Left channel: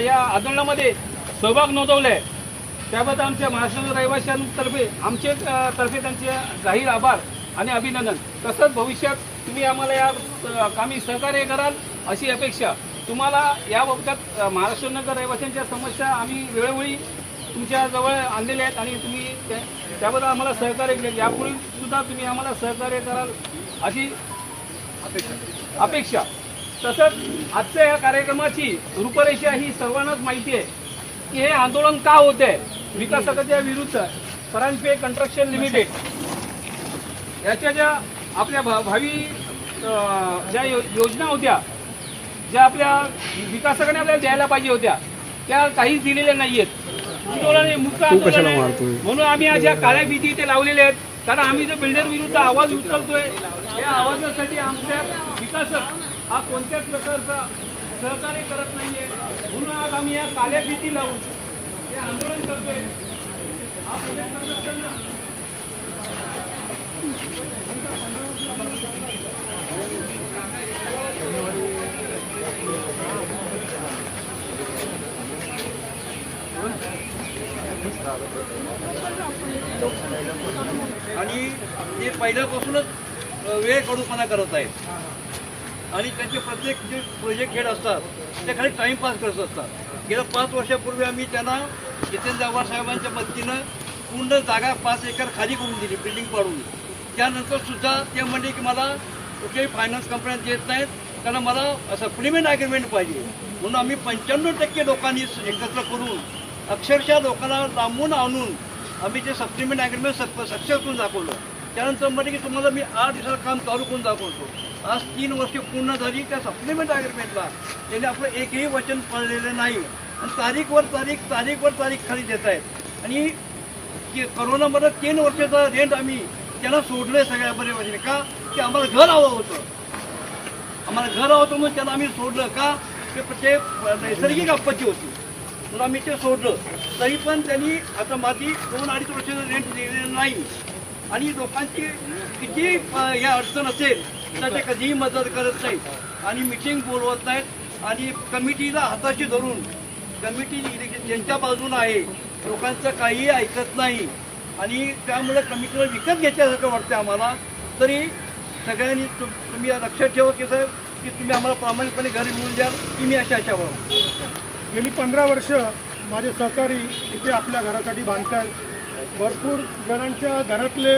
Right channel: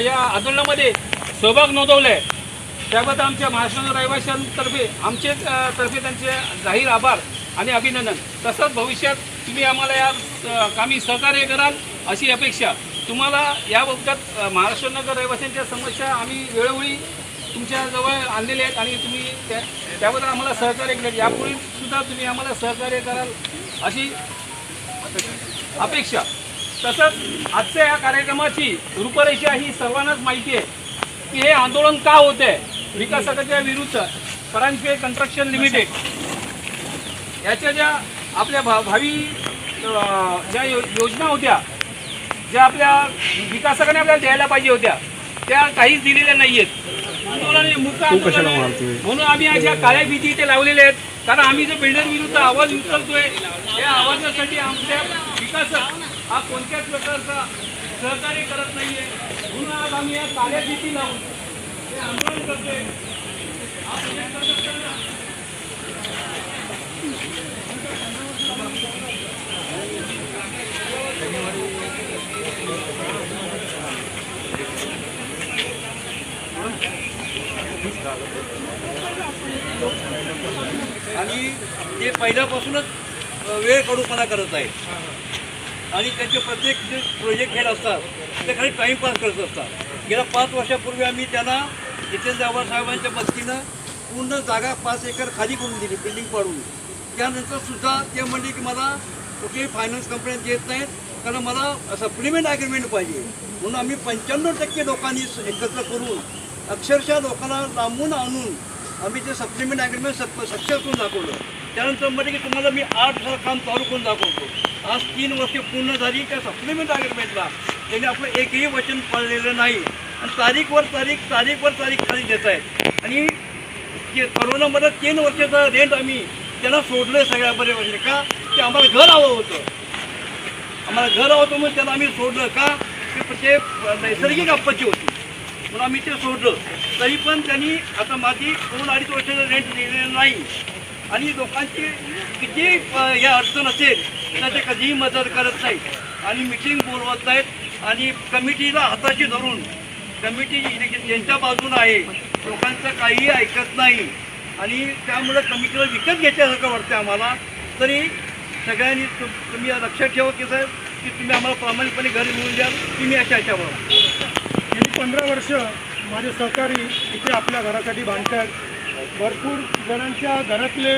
या आंदोलनामध्ये सहभाग नोंदवला आहे त्याबद्दल आमच्या महाराष्ट्र रहिवाशांतर्फे आमचे तर्फे त्यांचे जाहीर आभार आणि अभिनंदन. तसंच भविष्यात तुम्ही आम्हाला या कामी सहकार्य कराल अशी अपेक्षा. तुम्हाला या महाराष्ट्र नगर रहिवाशांच्या समस्या आम्ही वेळोवेळी तुमच्याजवळ आणलेल्या आहेत आणि तुम्ही त्या त्याबद्दल आम्हाला सहकार्य केलं. यापूर्वी सुद्धा तुम्ही आम्हाला सहकार्य कराल अशी अपेक्षा अपेक्षा. तसंच आजच्या या कार्यक्रमाची रूपरेषा ही सर्वांनाच माहिती आहे की हे आंदोलन का होत आहे विकासकाच्या विरुद्ध परांजपे कन्स्ट्रक्शन लिमिटेड याच्या ज्या आपल्या भा- भावी ज्या यो- योजना होत्या ज्या आपल्या विकासकाने आपल्याला द्यायला पाहिजे होत्या त्या काहीच दिलेल्या नाही आहेत आंदोलन हे मुक्त आंदोलन. म्हणून आम्ही आज या काळ्या भीती इथे लावलेल्या आहेत. कारण आम्ही जो बिल्डर विरुद्ध आवाज उचलतोय त्या आवाजासाठी आमचे विकासक हा कोणत्याच प्रकारचा सहकार्य करत नाही आहे म्हणून आज आम्ही या काळ्या भीती लावून हे आंदोलन करतोय. आणि ते पहिल्यापासूनच वेळ कडूपणा करत आहेत. आणि त्यांचे प्रत्येक जे प्रोजेक्ट हेड असतात ते खाली टाईमपास करत असतात. गेल्या पाच वर्षापूर्वी आम्ही त्यांना जितेंद्र आव्हाड साहेबांच्या मदतीनं पूर्ण जागा पाच एकर खाली करून दिली बिल्डिंग पाडून. त्यानंतर सुद्धा ते म्हणले की मला कुठेही फायनान्स कंपन्या देत नाहीत कारण मला सप्लिमेंट ॲग्रीमेंट पाहिजे. म्हणून आम्ही पंच्याण्णव टक्के लोकांनी एकत्र करून अक्षरशः लोकांना लांबून आणून आम्ही ते सप्लिमेंट ॲग्रीमेंट सक्सेस करून दाखवलं. त्यानंतर म्हणजे की तुम्हाला मी आठ दिवसात काम चालू करून दाखवतो. आज तीन वर्ष पूर्ण झाली त्या सप्लिमेंट ॲग्रीमेंटला त्यांनी आपलं एकही वचन पाळलेलं नाही. आणि तारीखवर तारीख तारीखवर तारीख खाली देत आहे. आणि जे करोनामध्ये तीन वर्षाचा रेंट आम्ही त्यांना सोडलं सगळ्या बरे वर्षी का? ते आम्हाला घर हवं होतं. आम्हाला घर हवं होतं म्हणून त्याला आम्ही सोडलं. का? ते ते नैसर्गिक आपत्ती होती. म्हणून आम्ही ते सोडलं. तरी पण त्यांनी आता माझी दोन अडीच वर्षाचं रेंट दिलेलं नाही. आणि लोकांची किती या अडचण असेल तर ते कधीही मदत करत नाहीत. आणि मिटिंग बोलवत नाहीत. आणि कमिटीला हाताशी धरून कमिटी यांच्या बाजून आहे. लोकांचं काहीही ऐकत नाही. आणि त्यामुळे कमिटीला विकत घ्यायच्यासारखं वाटतं आम्हाला. तरी सगळ्यांनी तुम तुम्ही लक्षात ठेवा की साहेब की तुम्ही आम्हाला प्रामाणिकपणे घरी मिळून द्याल की मी अशा याच्यावर गेली पंधरा वर्ष माझे सहकारी इथे आपल्या घरासाठी बांधतात भरपूर जणांच्या घरातले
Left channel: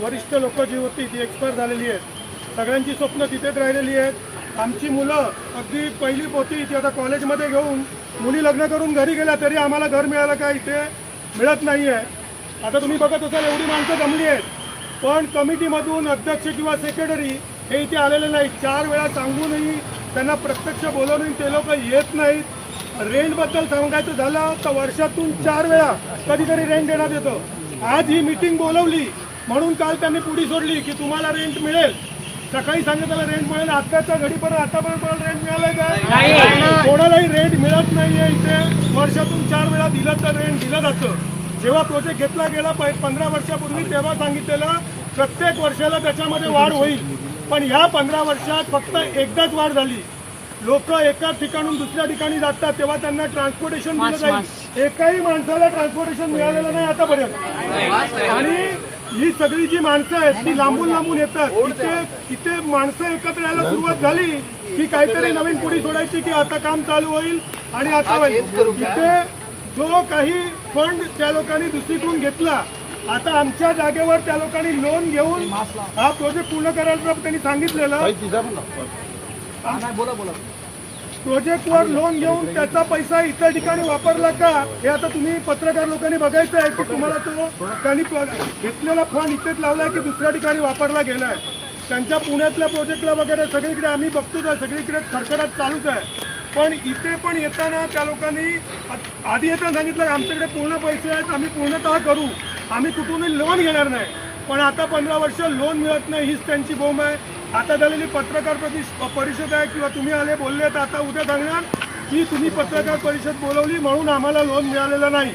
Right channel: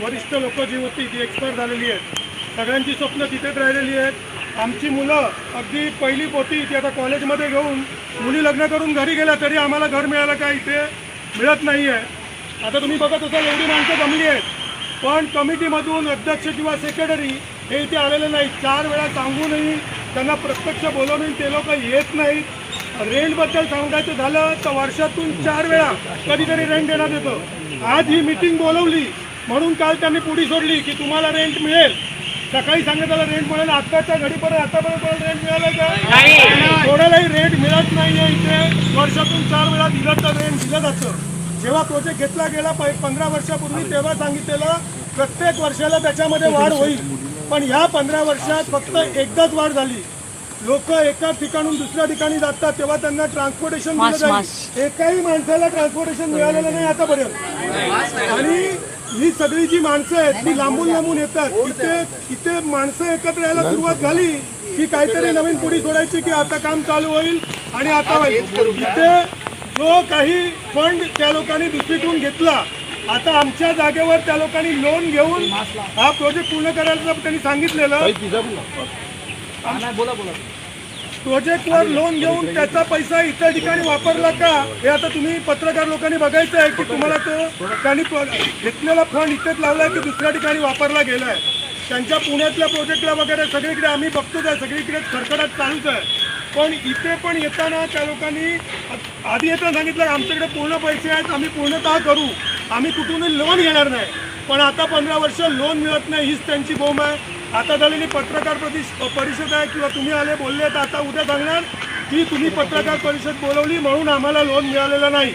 वरिष्ठ लोक जी होती ती एक्सपायर झालेली आहेत. सगळ्यांची स्वप्न तिथेच राहिलेली आहेत. आमची मुलं अगदी पहिली पोती ती आता कॉलेजमध्ये घेऊन मुली लग्न करून घरी गेल्या तरी आम्हाला घर मिळालं का इथे मिळत नाही आहे आता तुम्ही बघत असाल एवढी माणसं जमली आहेत. पण कमिटीमधून अध्यक्ष किंवा सेक्रेटरी हे इथे आलेले नाहीत. चार वेळा सांगूनही त्यांना प्रत्यक्ष बोलवूनही ते लोक येत नाहीत. रेंटबद्दल सांगायचं झालं तर वर्षातून चार वेळा कधीतरी रेंट देण्यात येतं. आज ही मीटिंग बोलवली म्हणून काल त्यांनी पुढी सोडली की तुम्हाला रेंट मिळेल. सकाळी सांगितलं रेंट मिळेल आताच्या घडीपर्यंत आतापर्यंत रेंट मिळालंय का? कोणालाही रेंट मिळत नाहीये इथे. वर्षातून चार वेळा दिलं तर रेंट दिलं जातं. जेव्हा प्रोजेक्ट घेतला गेला पंधरा वर्षापूर्वी तेव्हा सांगितलेलं प्रत्येक वर्षाला त्याच्यामध्ये वाढ होईल. पण ह्या पंधरा वर्षात फक्त एकदाच वाढ झाली. लोक एका ठिकाणून दुसऱ्या ठिकाणी जातात तेव्हा त्यांना ट्रान्सपोर्टेशन दिलं जाईल. एकाही माणसाला ट्रान्सपोर्टेशन मिळालेलं नाही आतापर्यंत. आणि ही सगळी जी माणसं आहेत ती लांबून लांबून येतात. इथे इथे माणसं एकत्र यायला सुरुवात झाली की काहीतरी नवीन पुढी सोडायची की आता काम चालू होईल आणि आता होईल. इथे जो काही फंड त्या लोकांनी दुसरीकडून घेतला आता आमच्या जागेवर त्या लोकांनी लोन घेऊन हा प्रोजेक्ट पूर्ण करायला त्यांनी सांगितलेलं. प्रोजेक्टवर लोन घेऊन त्याचा पैसा इतर ठिकाणी वापरला का? हे आता तुम्ही पत्रकार लोकांनी बघायचं आहे की तुम्हाला तो त्यांनी घेतलेला फंड इथेच लावलाय की दुसऱ्या ठिकाणी वापरला गेलाय. त्यांच्या पुण्यातल्या प्रोजेक्टला वगैरे सगळीकडे आम्ही बघतोच आहे. सगळीकडे खडखडाट चालूच आहे. पण इथे पण येताना त्या लोकांनी आधी येताना सांगितलं की आमच्याकडे पूर्ण पैसे आहेत आम्ही पूर्णतः करू. आम्ही कुठूनही लोन घेणार नाही. पण आता पंधरा वर्ष लोन मिळत नाही हीच त्यांची बोंब आहे. आता झालेली पत्रकार प्रति- परिषद आहे किंवा तुम्ही आले बोलले तर आता उद्या सांगणार की तुम्ही पत्रकार परिषद बोलवली म्हणून आम्हाला लोन मिळालेलं नाही.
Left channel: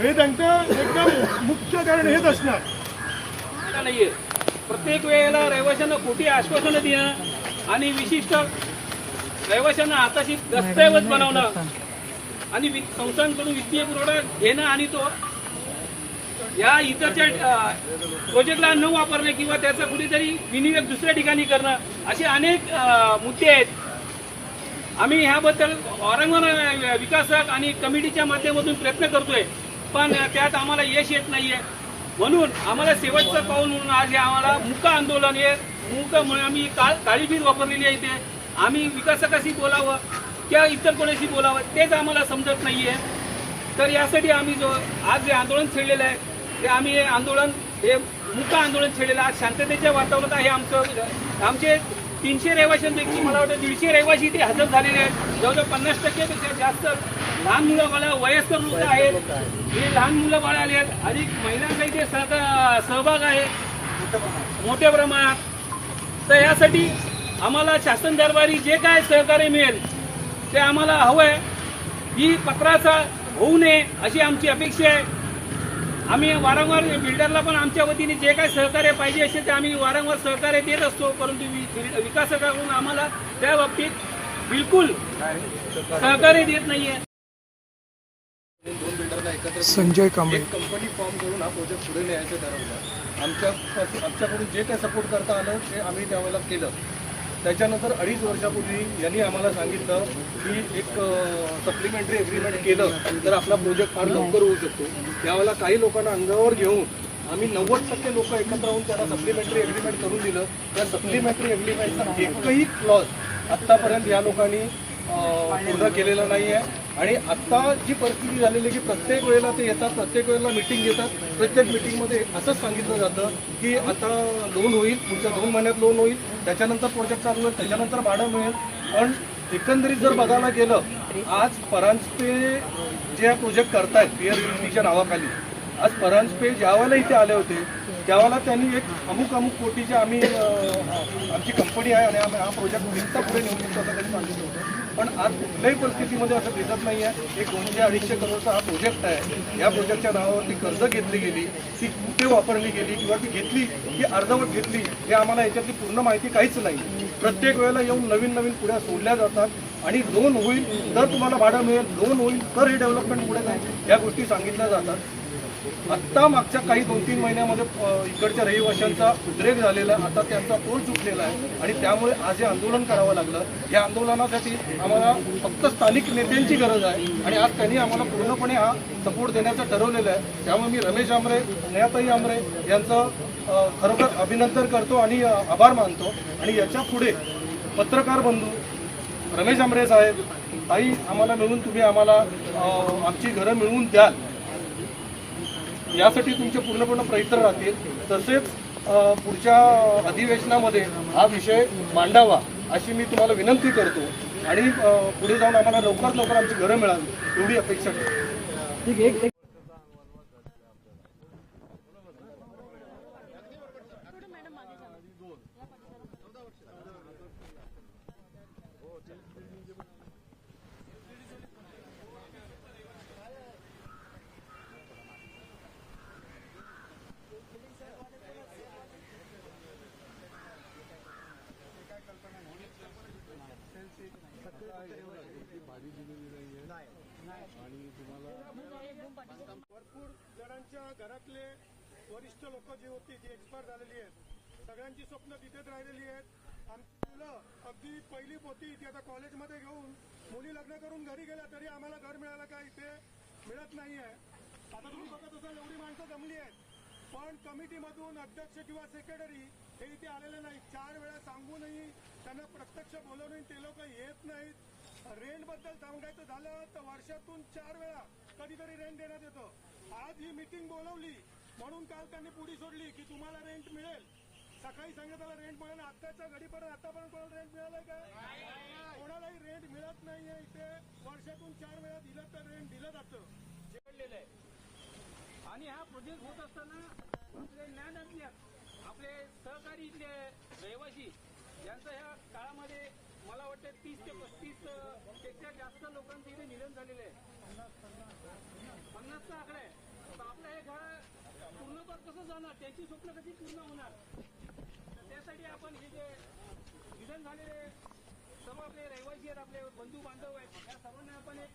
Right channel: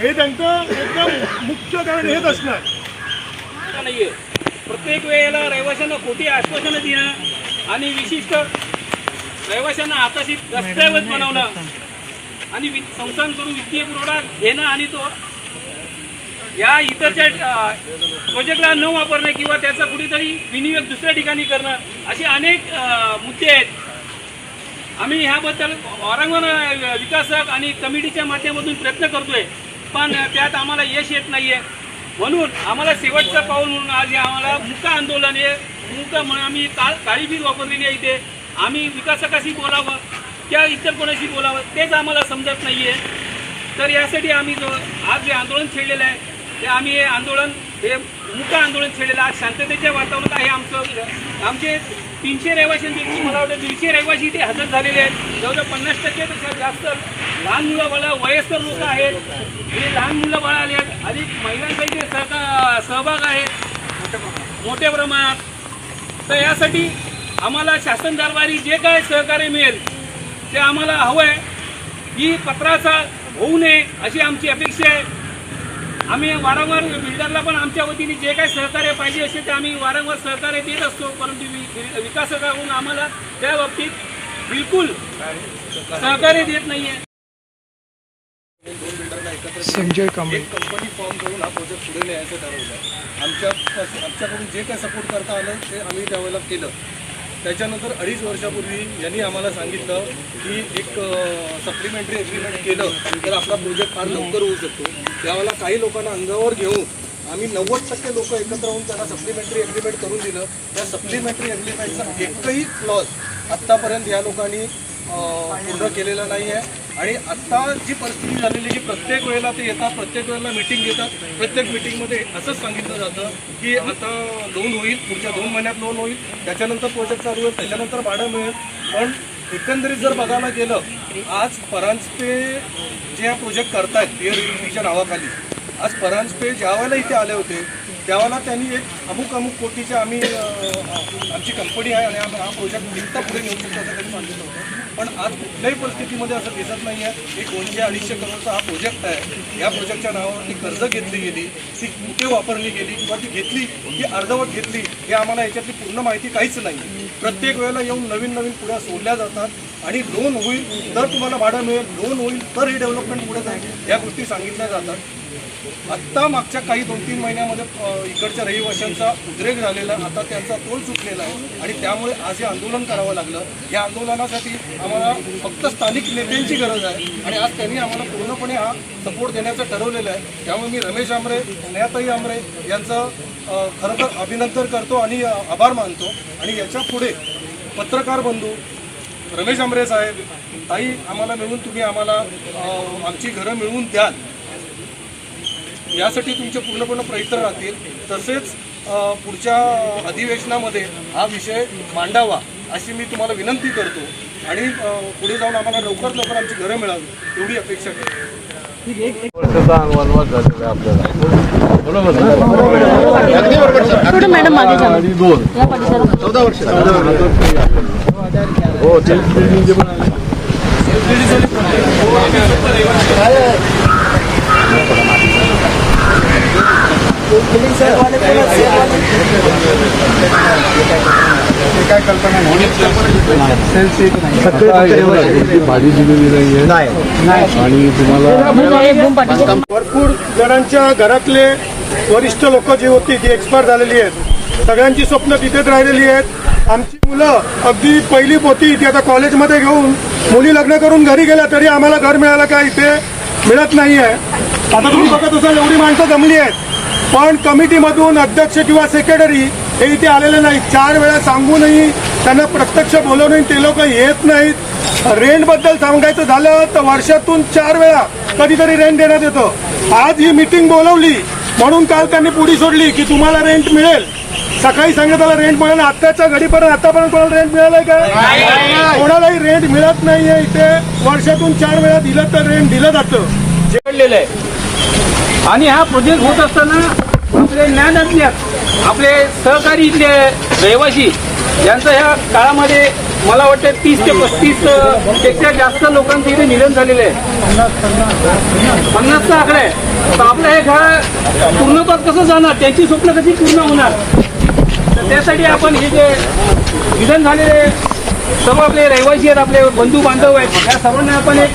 हे त्यांचं एकदम मुख्य कारण हेच असणार. नाही नाहीये. प्रत्येक वेळेला रहिवाशांना खोटी आश्वासनं देणं आणि विशिष्ट रहिवाशांना हाताशी दस्तऐवज बनवणं आणि वि- संस्थांकडून वित्तीय पुरवठा घेणं आणि तो या इतरच्या प्रोजेक्टला न वापरणं किंवा त्याचा कुठेतरी विनियोग दुसऱ्या ठिकाणी करणं असे अनेक मुद्दे आहेत. आम्ही ह्याबद्दल औरंगाबाद विकासक आणि कमिटीच्या माध्यमातून प्रयत्न करतोय पण त्यात आम्हाला यश येत नाही आहे म्हणून आम्हाला शेवटचं पाऊल म्हणून आज हे आम्हाला मुका आंदोलन आहे मुक म्हणून आम्ही का काळीबीज वापरलेली आहे इथे. आम्ही विकासकाशी बोलावं किंवा इतर कोणाशी बोलावं तेच आम्हाला समजत नाही आहे तर यासाठी आम्ही जो आज जे आंदोलन छेडलेलं आहे हे आम्ही हे आंदोलन हे मुका आंदोलन छेडलेलं आज शांततेच्या वातावरणात आहे आमचं. आमचे तीनशे रहिवाशांपैकी मला वाटतं दीडशे रहिवाशी इथे हजर झालेले आहेत. जवळजवळ पन्नास टक्केपेक्षा जास्त लहान मुलं बाळा वयस्कर लोक आहेत. हे लहान मुलं बाळा आले आहेत. अधिक महिलांचा इथे सहका सहभाग आहे. मोठ्या प्रमाणात. तर यासाठी आम्हाला शासन दरबारी जे काय सहकार्य मिळेल ते आम्हाला हवं आहे ही पत्राचा होऊ नये अशी आमची अपेक्षा आहे. आम्ही वारंवार बिल्डरला पण आमच्या वतीने जे काही सहकार्य पाहिजे असेल ते आम्ही वारंवार सहकार्य देत असतो परंतु विकासकाकडून आम्हाला त्या बाबतीत बिलकुल सहकार्य देत नाहीये. दोन बिल्डरला एकत्र संजय कांबळे. कंपनी फॉर्म करून हा प्रोजेक्ट पुढे न्यायचं ठरवलं आमच्या आमच्याकडून जे काय सपोर्ट करता आलं ते आम्ही त्यावेळेला केलं. त्याच्यानंतर अडीच वर्षापूर्वी यांनी आम्हाला सांगितलं की एक सप्लिमेंटरी एग्रीमेंट केलं तर आपला प्रोजेक्ट फार लवकर होऊ शकतो. त्यावेळेला काही लोकांना अंगावर घेऊन आम्ही नव्वद टक्के लोक एकत्र होऊन त्यांना सप्लिमेंटरी एग्रीमेंट करून दिलं. त्या सप्लिमेंटरी एग्रीमेंटचा एकही क्लॉज आत्तापर्यंत या लोकांनी पूर्ण केलेला नाही आहे. आणि आत्ता जी परिस्थिती झालेली आहे की प्रत्येक वेळेला ते येतात प्रत्येक वेळेला मिटिंग घेतात. प्रत्येक मिटिंगमध्ये असंच सांगितलं जातं की आता लोन होईल पुढच्या दोन महिन्यात लोन होईल. त्याच्यानंतर प्रोजेक्ट चालू होईल त्याच्यानंतर भाडं मिळेल. पण एकंदरीत जर बघायला गेलं आज परांजपे जे हा प्रोजेक्ट करतायत पिअर रिलीजच्या नावाखाली आज परांजपे ज्या वेळेला इथे आले होते देवाला त्यांनी एक अमुक अमुक कोटीचे आम्ही आमची कंपनी आहे आणि आम्ही हा प्रोजेक्ट निघता पुढे नेऊ शकतो असं त्यांनी सांगितलं होतं. पण आज कुठल्याही परिस्थितीमध्ये असं दिसत नाही आहे एक दोनशे अडीचशे करोडचा हा प्रोजेक्ट आहे. या प्रोजेक्टच्या नावावरती कर्ज घेतली गेली ती कुठे वापरली गेली किंवा ती घेतली की अर्धवट घेतली हे आम्हाला याच्यातली पूर्ण माहिती काहीच नाही. प्रत्येक वेळेला येऊन नवीन नवीन पुढ्या सोडल्या जातात आणि लोन होईल तर तुम्हाला भाडं मिळेल लोन होईल तर हे डेव्हलपमेंट पुढे जाईल. या गोष्टी सांगितल्या जातात. आत्ता मागच्या काही दोन तीन महिन्यामध्ये इकडच्या रहिवाशांचा उद्रेक झालेला आता त्यांचा तोल चुकलेला आहे आणि त्यामुळे आज हे आंदोलन करावं लागलं. या आंदोलनासाठी आम्हाला फक्त स्थानिक नेत्यांची गरज आहे आणि आज त्यांनी आम्हाला पूर्णपणे हा सपोर्ट देण्याचं ठरवलेलं आहे. त्यामुळे मी रमेश आमरे स्नेहाताई आमरे यांचं खरोखर अभिनंदन करतो आणि आभार मानतो. आणि याच्यापुढे पत्रकार बंधू रमेश आमरे साहेब ताई आम्हाला मिळून तुम्ही आम्हाला आमची घरं मिळवून द्याल. यासाठी तुमचे पूर्णपणे प्रयत्न राहतील. तसेच पुढच्या अधिवेशनामध्ये हा विषय मांडावा अशी मी तुम्हाला विनंती करतो. आणि पुढे जाऊन आम्हाला लवकरात लवकर आमची घरं मिळावी एवढी अपेक्षा करतो थोडं मॅडम मागे भाजी दिलेली आणि तुम्हाला भरपूर जणांच्या घरातले वरिष्ठ लोक जी होती ती एक्सपायर झालेली आहेत सगळ्यांची स्वप्न तिथेच राहिलेली आहेत. आमची मुलं अगदी पहिली पोती ती आता कॉलेजमध्ये घेऊन मुली लग्न करून घरी गेल्या तरी आम्हाला घर मिळालं का इथे? मिळत नाही आहे आता तुम्ही बघत असाल एवढी माणसं जमली आहेत. पण कमिटीमधून अध्यक्ष किंवा सेक्रेटरी हे इथे आलेले नाहीत. चार वेळा सांगूनही त्यांना प्रत्यक्ष बोलवूनही ते लोक येत नाहीत. रेंटबद्दल सांगायचं झालं तर वर्षातून चार वेळा कधीतरी रेंट देण्यात येतं. आज ही मीटिंग बोलवली म्हणून काल त्यांनी पुढी सोडली की तुम्हाला रेंट मिळेल. सकाळी सांगितलं त्याला रेंट मिळेल आत्ताच्या घडीपर्यंत आतापर्यंत कोणाला रेंट मिळालंय का? कोणालाही रेंट मिळत नाहीये इथे. वर्षातून चार वेळा दिलं तर रेंट दिलं जातं. आहे. आणि हा प्रोजेक्ट होत असताना आपले ज्ञानातले आपले सहकारी इथले रहिवासी यांचं ह्या काळामध्ये मला वाटतं तीस ते पस्तीसपेक्षा जास्त लोकांचं इथे निधन झालेलं आहे. पन्नासचा आकडा आहे. तर आपलं हे घर पूर्णत्वात कसं जाणार? त्यांची स्वप्न कशी पूर्ण होणार? तर त्यासाठी आपण हे जे निधन झालेले सर्व आपले रहिवासी आहेत आपले बंधू बांधव आहेत या सर्वांना आपण एक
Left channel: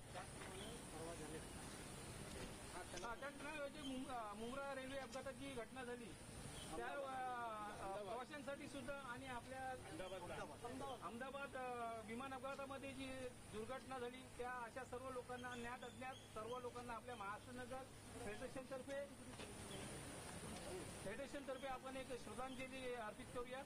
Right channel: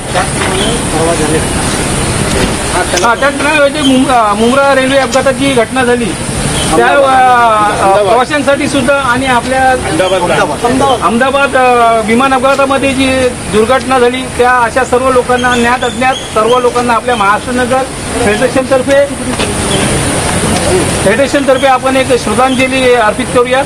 हा मुंब्रा रेल्वे अपघाताची घटना झाली. त्या प्रवाशांसाठी सुद्धा आणि आपल्या अहमदाबाद. विमान अपघातामध्ये जी दुर्घटना झाली त्या अशा सर्व लोकांना ज्ञात अज्ञात सर्व लोकांना आपल्या महाराष्ट्र नगर फेडरेशनतर्फे फेडरेशनतर्फे आपण एक श्रद्धांजली अर्पित करूया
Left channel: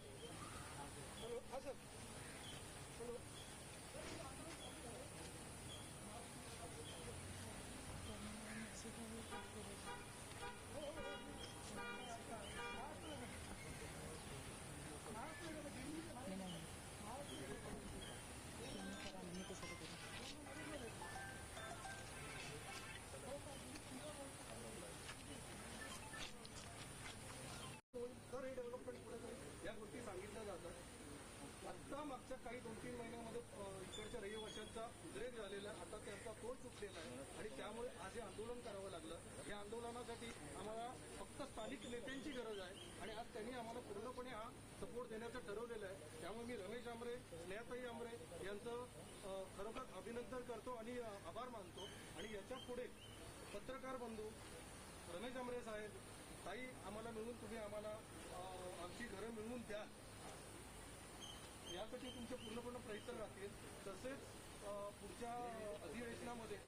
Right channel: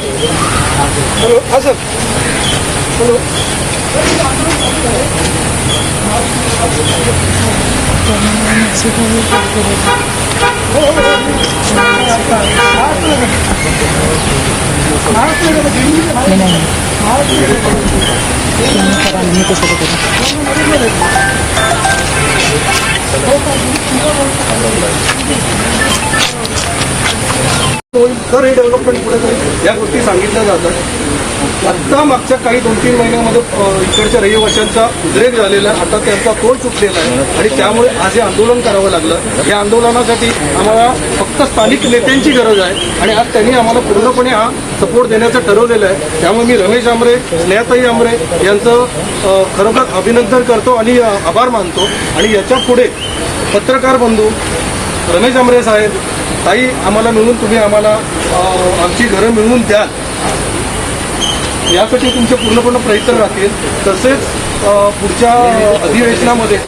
तर हे डेव्हलपमेंट पुढे या गोष्टी सांगितल्या जातात. आत्ता मागच्या काही दोन तीन महिन्यामध्ये इकडच्या रहिवाशांचा उद्रेक झालेला आहे. आता त्यांचा तोल सुटलेला आहे. आणि त्यामुळे आज हे आंदोलन करावं लागलं. या आंदोलनासाठी आम्हाला फक्त स्थानिक नेत्यांची गरज आहे. आणि आज त्यांनी आम्हाला पूर्णपणे हा सपोर्ट देण्याचं ठरवलेलं आहे. त्यामुळे मी रमेश आमरे स्नेहाताई आमरे यांचं खरोखर अभिनंदन करतो आणि आभार मानतो. आणि याच्यापुढे पत्रकार बंधू रमेश आमरे साहेब ताई आम्हाला मिळून तुम्ही आम्हाला आमची घरं मिळवून द्याल. यासाठी तुमचे पूर्णपणे प्रयत्न राहतील. तसेच पुढच्या अधिवेशनामध्ये